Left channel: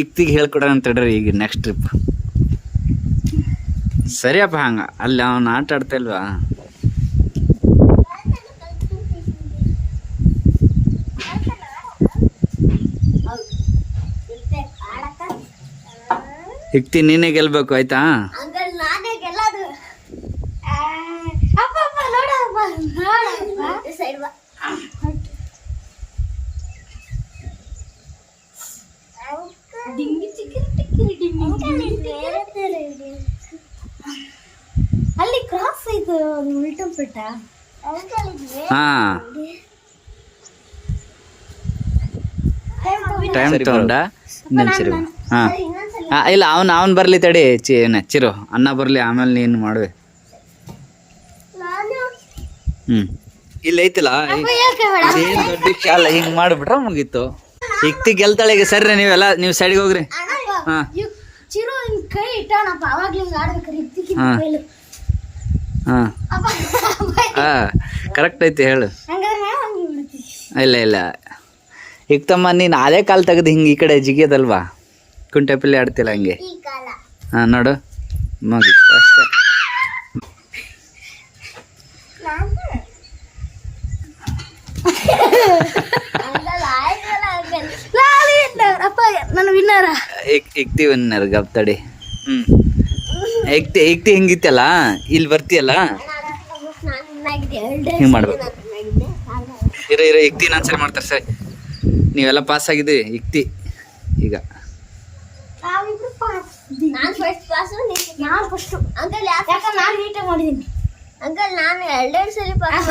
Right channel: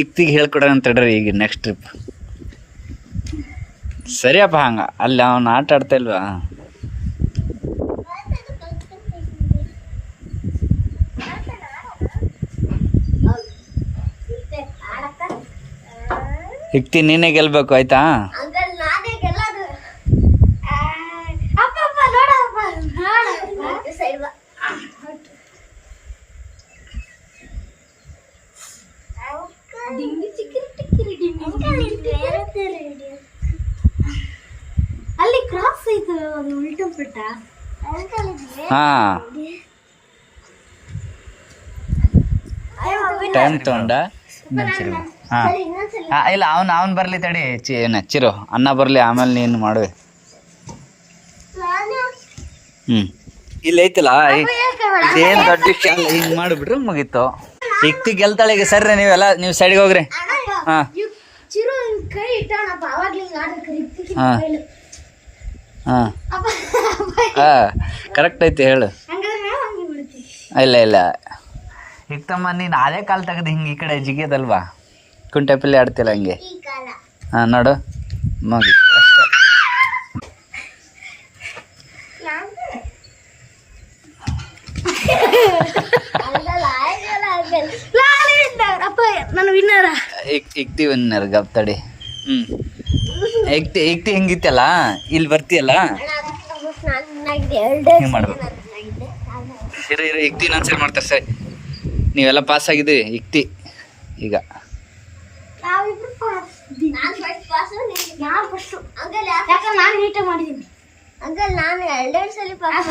ಇಕ್ತಿಗೆ ಹೇಳ್ಕೊಡೋಣ ಅಂತ ಹೇಳ್ರಿ ಈಗ ನೆಕ್ಸ್ಟ್ ಟ್ರಿಪ್. ಸರಿಯಪ್ಪ ಹಂಗ ಅಲ್ಲಿ ಅವನು ಆಟ ಆಡ್ತಾ ಇಲ್ವಾ? ಇಕ್ತಿ ನೀನೇ ಗೆಲ್ಬೇಕು ಆಯ್ತಾ? ಅಲ್ಲಿ ಕ್ರಾಸ್ ಐತೆ ಉಲ್ಟಾ ಪುಟ್ಟ. ಹಾ ಟೈಮ್ ತಗೊಂಡ ನೆನ್ಸಿರು. ಹಾಂ ಇಲ್ಲ ಅವನು ಬರಲಿ ತಡಿ ನೆಚ್ಚಿರು, ಅನ್ನ ಬರಲಿ ಆಮೇಲೆ ನೀನು ಮಾಡುವೆ. ಇಲ್ಲಿ ಐತಿಲ್ಲ ಇದೇನು ದೊಡ್ಡ ವಿಷಯ ಅಲ್ಲ, ಹಿಂಗೆ ಮಾಡಿಬಿಟ್ರೆ ಮುಗೀತು. ಇಕ್ತಿ ಗೆಲ್ತಾಳೆ ಈಗ. ಸರ್ರಿ ನೀವೆಲ್ಲ ನೀವು ಸೈಡ್ಗೆ ಹೋಗ್ರಿ. ಹಾಂ ಹಾಂ ಹಾಂ ಹಾಂ ಕರೆಕ್ಟ್ ಐತಿ ಹೇಳು. ಇಲ್ಲ ಇಕ್ತಮ್ಮ ನೀನು ಅದೇ ಕಾಲು ತೆಗೆದು ಹಿಂಗೆ ಈ ಕಡೆ ಜಿಗಿಯೋದಲ್ವಾ, ಕುಂಟೆ ಪಿಲ್ಲೆ ಆಡ್ತಿಲ್ಲ ಹಂಗೆ. ಹಾಂ ನೋಡು ಮುಗೀತು ಅಷ್ಟೇ. ಇಕ್ತಿ ವಿನ್ನರ್ ಗಪ್ ತಡಿ. ಇಕ್ತಿ ಹಿಂಗಿತ್ತಲ್ಲ, ಇಲ್ಲಿ ಬರ್ತೀಯಲ್ಲ ಹಿಂಗೆ ಮಾಡ್ಬೇಕು. ಇರ ಇಕ್ತಿ ನಾನು ಸರಿ ಮಾಡ್ತಾರೆ. ಸರಿ ನೀವೆಲ್ಲ ಪಾಸ್ ಆಗಿದ್ದೀರಿ. ಇಕ್ತಿ ಈಗ ಅಂಕಲ್ ನಾನು 2 ಸಲ ಪಾಸ್.